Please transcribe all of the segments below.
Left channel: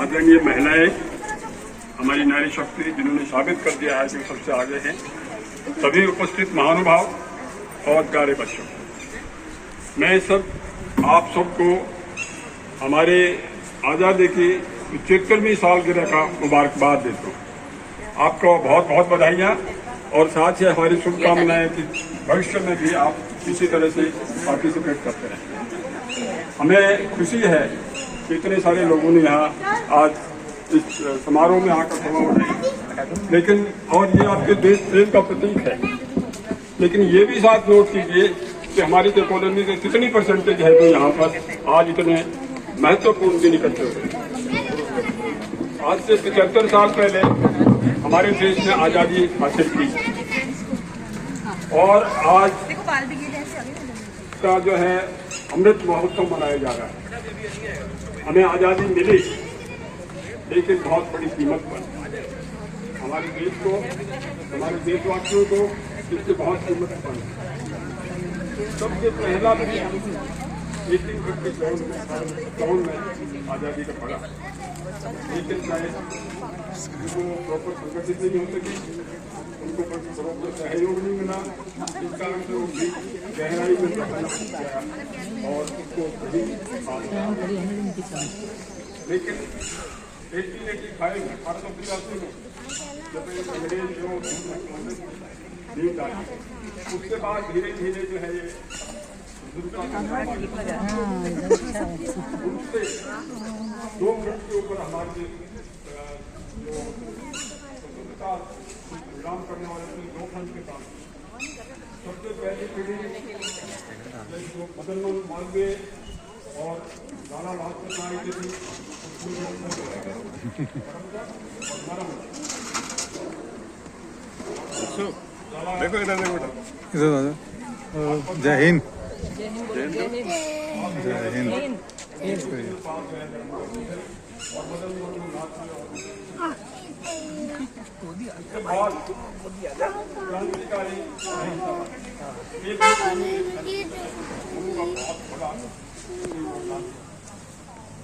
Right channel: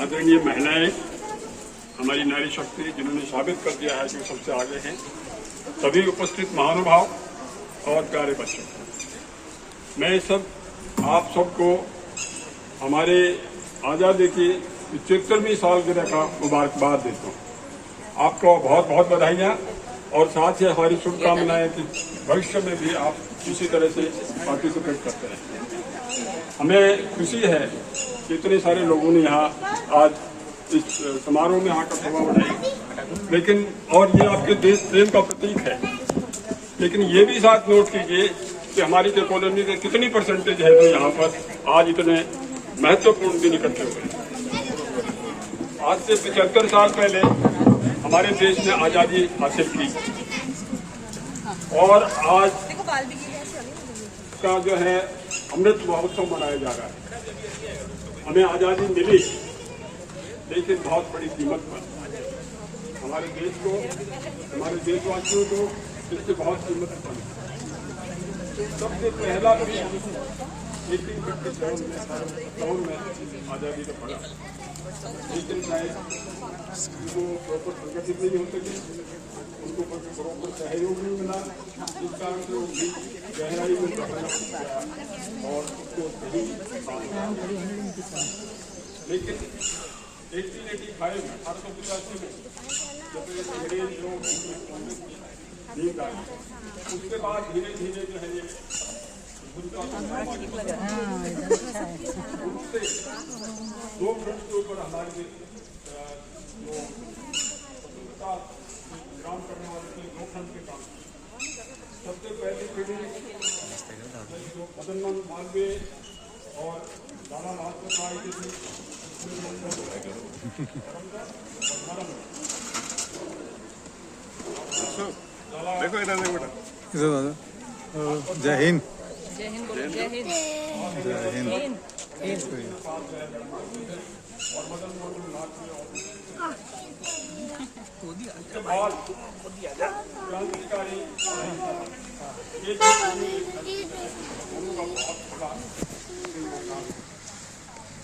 आदरणीय महिलाएं, हमारी नारी शक्ति जिन्होंने साबित कर दिया है कि सबसे आगे हैं, सभी उपस्थित महानुभाव और प्यारे बच्चों, मैं आप सबको हमारे आज़ादी की 75वीं सालगिरह का मुबारकबाद देता हूँ। आपको बहुत बहुत बधाइयाँ और साथ ही हमारी शुभकामनाएं कि भविष्य में भी आप इसी तरह से पार्टिसिपेट करते रहें। हमें खुशी है कि इतने सारे लोगों ने यहाँ आज इस समारोह में आकर सभा बनाई, लेकिन और ये आपके देश प्रेम का प्रतीक है। लेकिन ये भी साथ नोट कीजिए कि हमारी जो कॉलोनी से कितनी परसेंटेज है जो यहाँ पर आज इतने महत्वपूर्ण दिन इकट्ठे हुए। आज से 75 साल पहले हमारे देश ने आज़ादी हासिल की और आज का जो है अमृत महोत्सव मनाया जा रहा है। हमें आज़ादी मिली, लेकिन बहुत बड़ी कीमत पर। हमारे देश को, हमारे देशवासियों को इससे बहुत कीमत पड़ी। सबसे पहला 1854 में आज़ादी का पड़ा, लेकिन शायद उनको प्रॉपर संगठित नहीं हो सके, उनको प्रॉपर सहयोग नहीं मिला। इस कारण से वो भी गहराई में और उसको लेकिन 1885 1885 में जब अंग्रेज लोग जीत आए, उसके बाद धीरे धीरे जो है ये उनसे 2 मिनट के ऊपर हमारे जो स्वतंत्रता संग्राम करने वाले थे 2 खंड के काम। सबसे पहली पीढ़ी जो मदन मोहन मालवीय और लाला लाजपत राय के थे, जय हिंद। जय हिंद। और क्रांतिकारी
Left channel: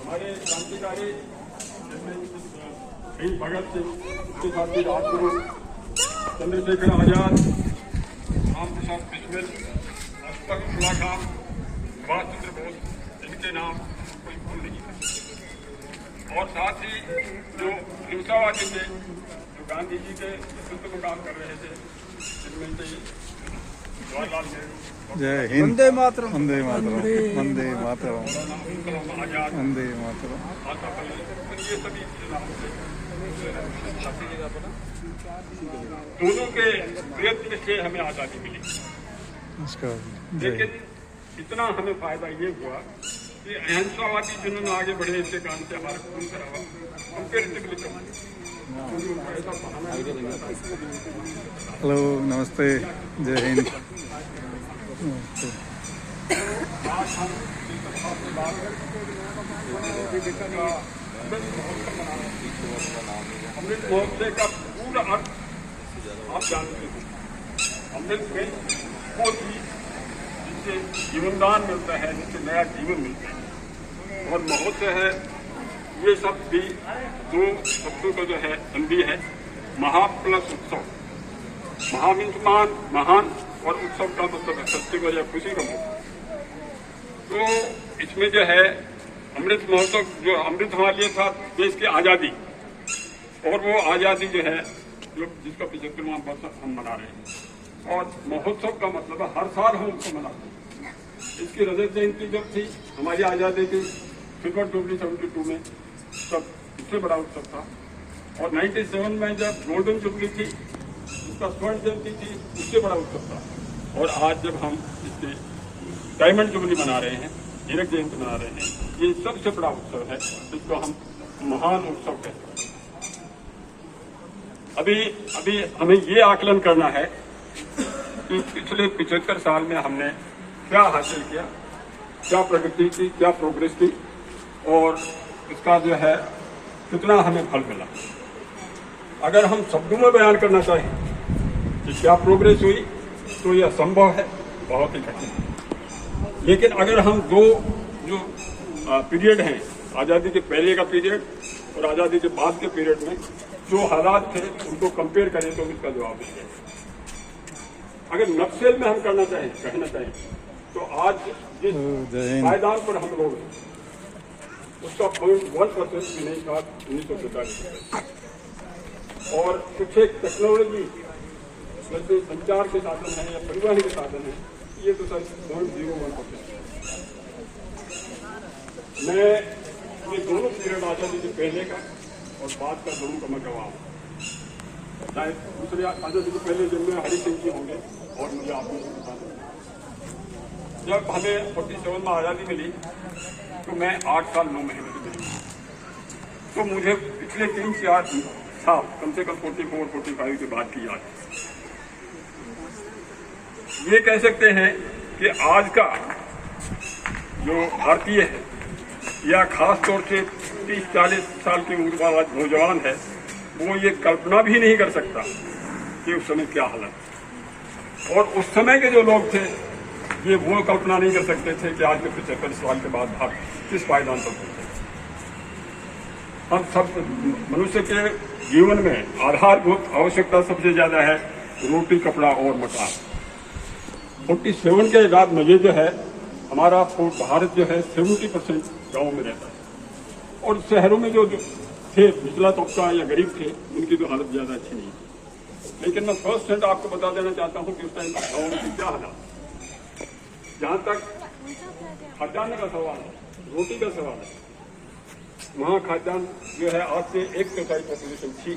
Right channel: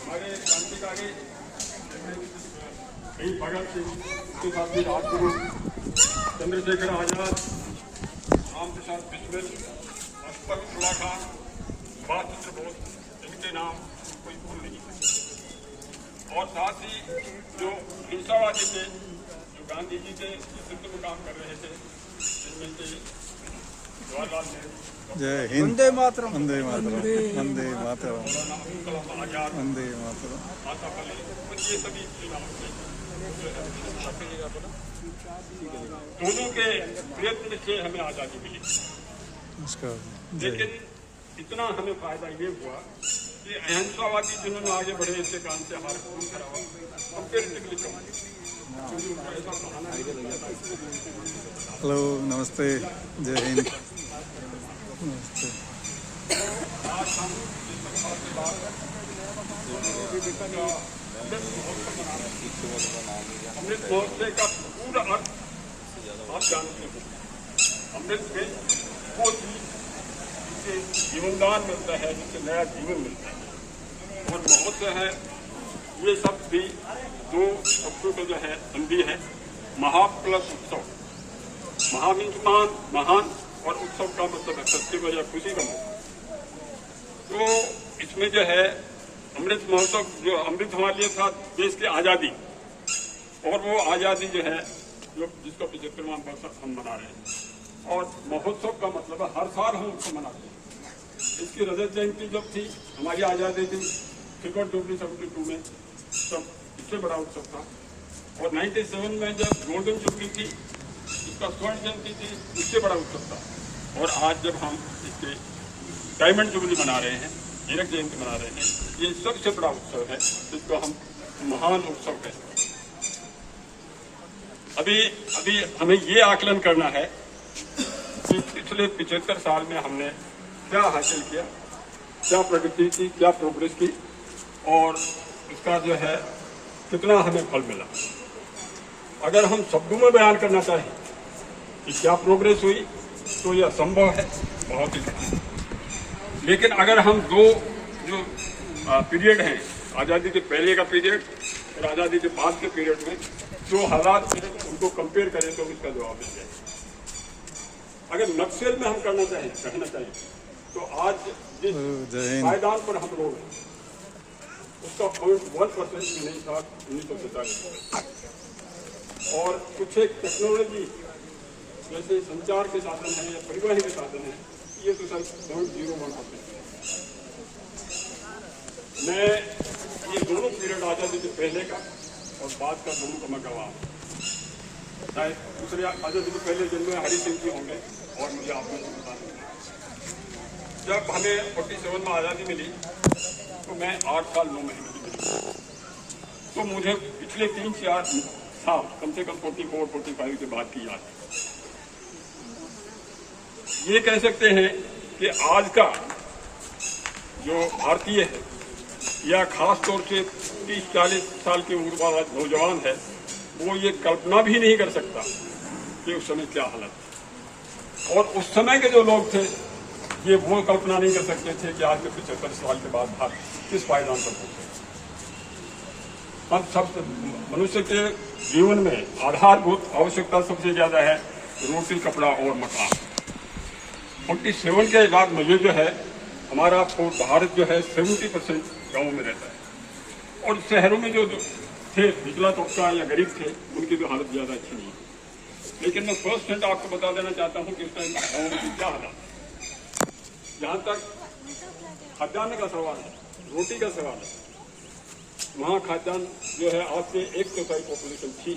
हमारे क्रांतिकारी भगत सिंह, राजगुरु, चंद्रशेखर आजाद, राम प्रसाद बिस्मिल, अशफाक उल्लाह खान, सुभाष चंद्र बोस, इनके नाम कोई भूल नहीं कर। और साथ ही जो हिंसावादी थे, जो गांधी जी के नेतृत्व में काम कर रहे थे, जिनमें से जवाहरलाल नेहरू, जय हिंद। वंदे मातरम। वंदे मातरम। वंदे मातरम। वंदे मातरम। ये सभी दोनों के प्रयत्न से हमें आज़ादी मिली। लेकिन इतना हमें फायदा ये हुआ कि अहिंसावादी जिन्होंने आगे बढ़े इसके कारण से हमारा खून खराब कंपेरेटिवली कम, क्योंकि उनको ऐसा बहाना नहीं मिलता। हेलो, नमस्ते, जय हिंद। नमस्ते। आज हम इस प्रकार से बात अमृत महोत्सव मना रहे हैं। अमृत महोत्सव का पूरा अर्थ आप जानते हैं। अमृत में वो चीज जिससे जीवनदान मिलता है, जिससे नया जीवन मिलता है, और महोत्सव है। ये सब भी 2 शब्दों का जो है संधि है, महा प्लस उत्सव। महा मीन्स महान और उत्सव का मतलब है फेस्टिवल या खुशी का मौका। तो इसमें जो है अमृत महोत्सव, जो अमृत हमारे लिए था देश की आज़ादी, और वो आज़ादी जो है जो जिसका 75वां वर्ष हम मना रहे हैं। और महोत्सव का मतलब है हर साल हम उसको मनाते हैं। इसकी रजत जयंती जब थी, हमारी आज़ादी थी सिल्वर जुबली 72 में, तब इससे बड़ा उत्सव था। और 97 में जब गोल्डन जुबली थी, इसका स्वर्ण जयंती थी, उससे बड़ा उत्सव था। और आज जब हम इसके डायमंड जुबली मना रहे हैं, हीरक जयंती मना रहे हैं, ये सबसे बड़ा उत्सव है, जिसको हम महान उत्सव कहते हैं। अभी हमें ये आकलन करना है कि पिछले 75 साल में हमने क्या हासिल किया, क्या प्रगति की, क्या प्रोग्रेस की, और इसका जो है कितना हमें फल मिला। अगर हम शब्दों में बयान करना चाहें कि क्या प्रोग्रेस हुई, तो यह संभव है, बहुत ही कठिन है। लेकिन अगर हम 2 जो पीरियड हैं, आज़ादी के पहले का पीरियड और आज़ादी के बाद के पीरियड में जो हालात थे उनको कंपेयर करें तो उसका जवाब मिल जाएगा। अगर नक्सल में हम कहना चाहें तो आज जिस पायदान पर हम लोग हैं उसका 0.1% भी नहीं था 1947 और कुछ एक टेक्नोलॉजी जैसे संचार के साधन हैं या परिवहन के साधन हैं, ये तो सर 0.01%। मैं ये दोनों पीरियड आज़ादी से पहले का और बाद का दोनों का मैं गवाह हूँ। चाहे दूसरे आज़ादी से पहले जन्मे हरि सिंह जी होंगे और मुझे आपको बता दूँ, जब हमें 47 में आज़ादी मिली तो मैं 8 साल 9 महीने की मिली, तो मुझे पिछले 3-4 साल कम से कम 44-45 के बाद की याद। ये कह सकते हैं कि आज का जो भारतीय है या खास तौर से 30-40 साल की उम्र वाला नौजवान है वो ये कल्पना भी नहीं कर सकता कि उस समय क्या हालत, और उस समय के जो लोग थे ये वो कल्पना नहीं कर सकते थे कि आज के 75 साल के बाद भारत किस पायदान पर पहुंचे। हम सब मनुष्य के जीवन में आधारभूत आवश्यकता सबसे ज्यादा है रोटी, कपड़ा और मकान। 47 के बाद में ये जो है हमारा भारत जो है 70% गाँव में रहता है और शहरों में जो थे निचला तबका या गरीब थे उनकी तो हालत ज़्यादा अच्छी नहीं है। लेकिन मैं फर्स्ट हैंड आपको बता देना चाहता हूँ कि उस टाइम गाँव में क्या हालत। जहाँ तक खाद्यान्न का सवाल है, रोटी का सवाल है, वहाँ खाद्यान्न जो है आज से 1/3 पॉपुलेशन थी,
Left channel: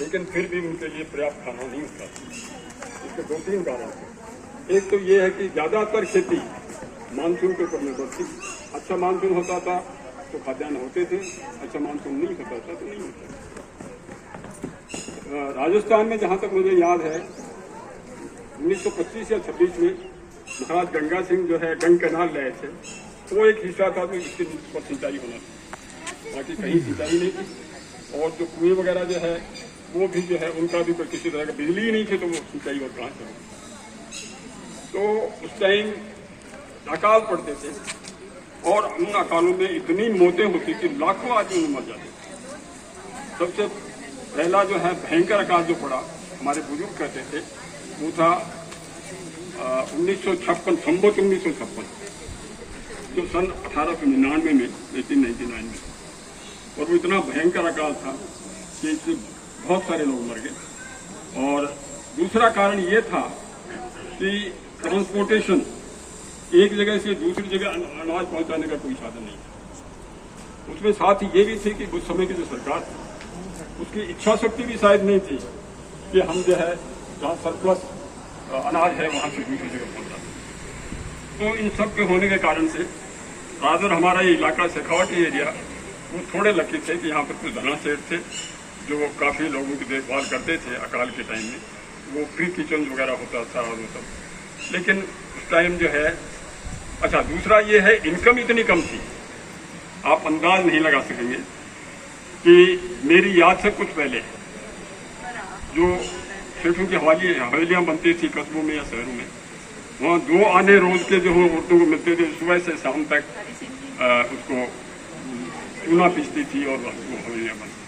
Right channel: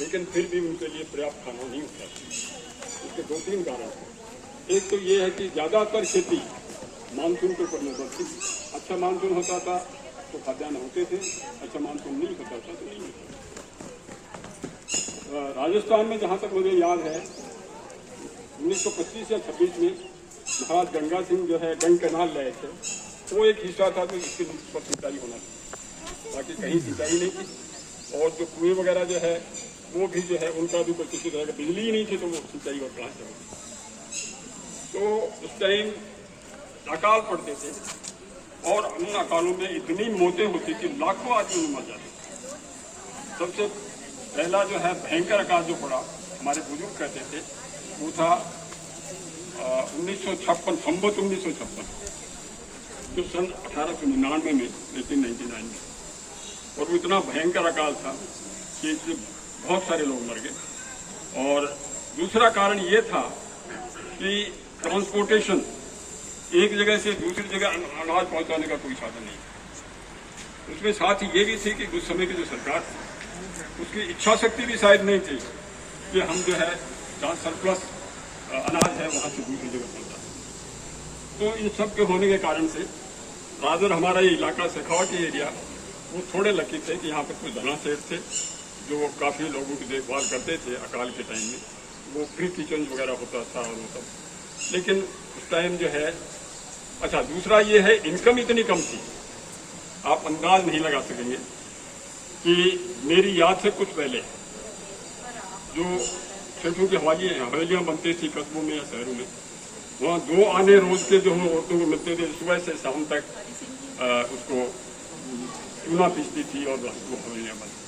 लेकिन फिर भी उनके लिए पर्याप्त खाना नहीं होता। इसके 2-3 कारण हैं। एक तो ये है कि ज़्यादातर खेती मानसून के ऊपर निर्भर थी। अच्छा मानसून होता था तो खाद्यान्न होते थे, अच्छा मानसून नहीं होता था तो नहीं होता। राजस्थान में जहाँ तक मुझे याद है 1925 या 26 में महाराज गंगा सिंह जो है गंग कैनाल लाए थे, वो एक हिस्सा था तो इसके पर सिंचाई होना था, बाकी कहीं सिंचाई नहीं थी। और जो कुएं वगैरह जो है वो भी जो है उनका भी कोई किसी तरह का बिजली ही नहीं थी, तो वो सिंचाई और कहाँ से होगी। तो उस टाइम अकाल पड़ते थे और उन अकालों में इतनी मौतें होती कि लाखों आदमी मर जाते। सबसे पहला जो है भयंकर अकाल जो पड़ा, हमारे बुजुर्ग कहते थे, वो था 1956, संवत 1956, जो सन 1899 में 1899 में, और वो इतना भयंकर अकाल था कि इससे बहुत सारे लोग मर गए। और दूसरा कारण ये था कि ट्रांसपोर्टेशन, एक जगह से दूसरी जगह अनाज पहुंचाने का कोई साधन नहीं। उसमें साथ ही ये भी थी कि उस समय की जो सरकार थी उसकी इच्छा शक्ति भी शायद नहीं थी कि हम जो है जहाँ सरप्लस अनाज है वहाँ से दूसरी जगह पहुँचा। तो इन सब के होने के कारण से रादर हमारा ये इलाका शेखावटी एरिया वो थोड़े लकी थे कि यहाँ पर कुछ धना सेठ थे जो काफ़ी लोगों की देखभाल करते थे अकाल के टाइम में, वो फ्री किचन वगैरह होता था और वो सब। लेकिन उस टाइम जो है, अच्छा दूसरा ये है इनकम इतनी कम थी, आप अंदाज नहीं लगा सकेंगे कि मेरी याद से कुछ पहले जो सेठों की हवेलियाँ बनती थी कस्बों में या शहरों में, वहाँ 2 आने रोज के जो औरतों को मिलते थे, सुबह से शाम तक उसको चूना पीसती थी और वो हवेलियाँ बनती।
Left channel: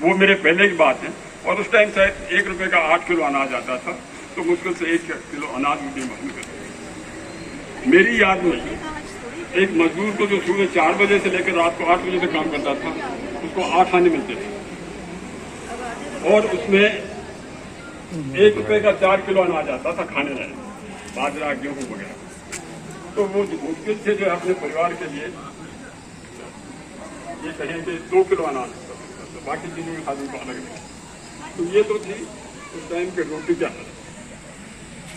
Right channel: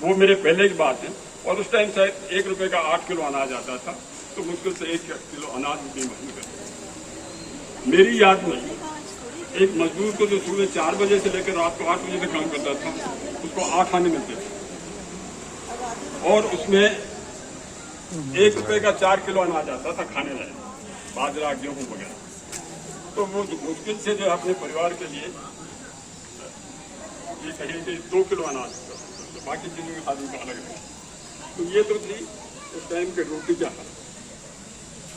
वो मेरे पहले की बात है। और उस टाइम शायद 1 रुपये का 8 किलो अनाज आता था, तो मुश्किल से 1 किलो अनाज भी महंगी करते। मेरी याद में एक मजदूर को जो सुबह 4 बजे से लेकर रात को 8 बजे तक काम करता था, उसको 8 आने मिलते थे और उसमें 1 रुपये का 4 किलो अनाज आता था खाने लायक, बाजरा गेहूँ वगैरह। तो वो मुश्किल से जो अपने परिवार के लिए ये कहें कि 2 किलो अनाज, तो बाकी चीज़ों में खाने का अलग है। तो ये तो थी उस टाइम के रोटी क्या हालत।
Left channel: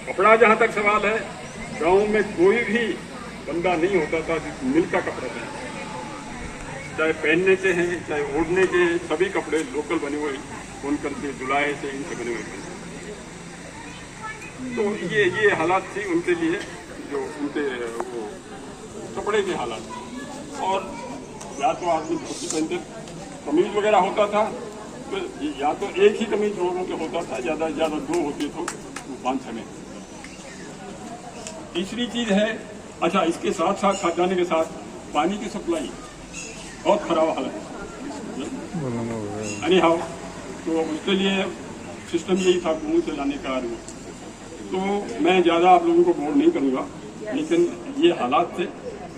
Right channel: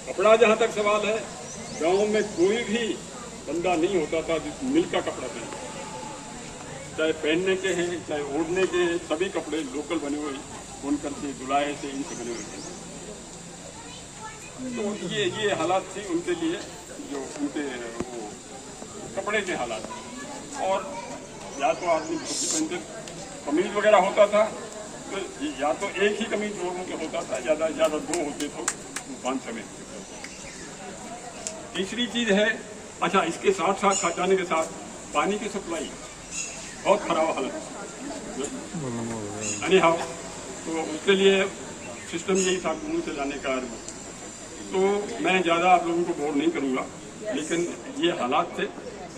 कपड़ा जहाँ तक सवाल है, गांव में कोई भी बंदा नहीं होता था जिस मिल का कपड़ा पहनता, चाहे पहनने के हैं चाहे ओढ़ने के हैं, सभी कपड़े लोकल बने हुए बुनकर के जुलाई से इनसे बने हुए थे। तो ये हालात थी उनके लिए, जो उनके वो कपड़े के हालात। और या तो आदमी धोती पहनते, कमीज वगैरह होता था तो या तो एक ही कमीज लोगों के होता था, ज़्यादा से ज़्यादा 2 होती तो 5-6 में। तीसरी चीज़ है, अच्छा इसके साथ साथ खाद्यान्न के साथ पानी की सप्लाई, बहुत खराब हाल है। अरे हाँ, तो उसके लिए सिस्टम नहीं था दूर से जाने का। तो मैं ज़्यादा आप लोगों को बोर नहीं करूँगा, लेकिन ये हालात थे।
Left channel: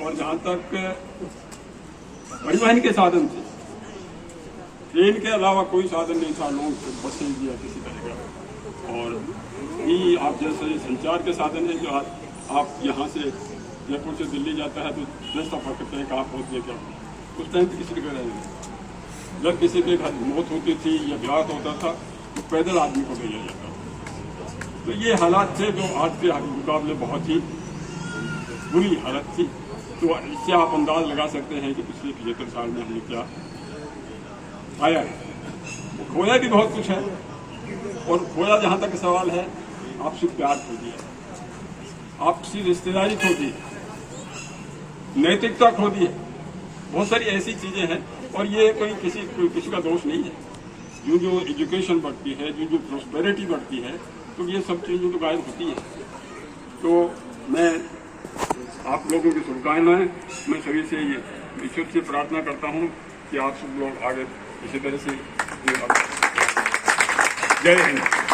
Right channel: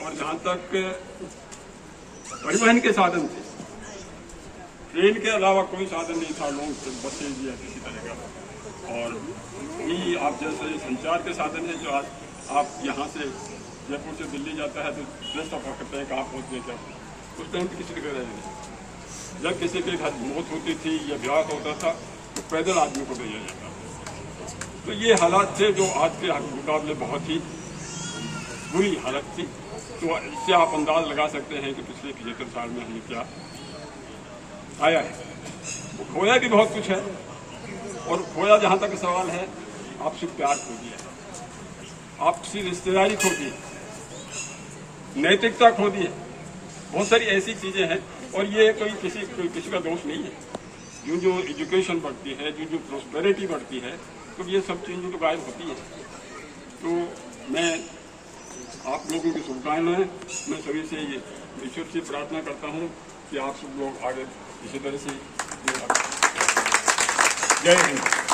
और जहाँ तक परिवहन के साधन थे, ट्रेन के अलावा कोई साधन नहीं था, लोग बसें भी है किसी तरह का। और ये आप जैसे ये संचार के साधन है, जो आप यहाँ से जयपुर से दिल्ली जाता है तो 10 सफर करते हैं, आप पहुँचने का उस टाइम तो किसी को नहीं। जब किसी की मौत होती थी या विवाह होता था तो पैदल आदमी को भेजा जाता था। तो ये हालात थे जो आज के मुकाबले बहुत ही बुरी हालत थी। तो इससे आप अंदाज लगा सकते हैं कि पिछले 75 साल में हमने क्या आया है। खोया भी बहुत कुछ है, और खोया जहाँ तक सवाल है, आपसे प्यार खो दिया, आपसी रिश्तेदारी खो दी, नैतिकता खो दी है, बहुत सारी ऐसी चीजें हैं। और ये कोई किसी का दोष नहीं है। जो एजुकेशन बढ़ती है, जो प्रॉस्पेरिटी बढ़ती है, तो ये सब चीजें तो गायब होती हैं। तो मैं आप लोगों की शुभकामनाएं, मैं सभी से ये ईश्वर से प्रार्थना करता हूँ कि आप सब लोग आगे इसी तरह से जय हिंद।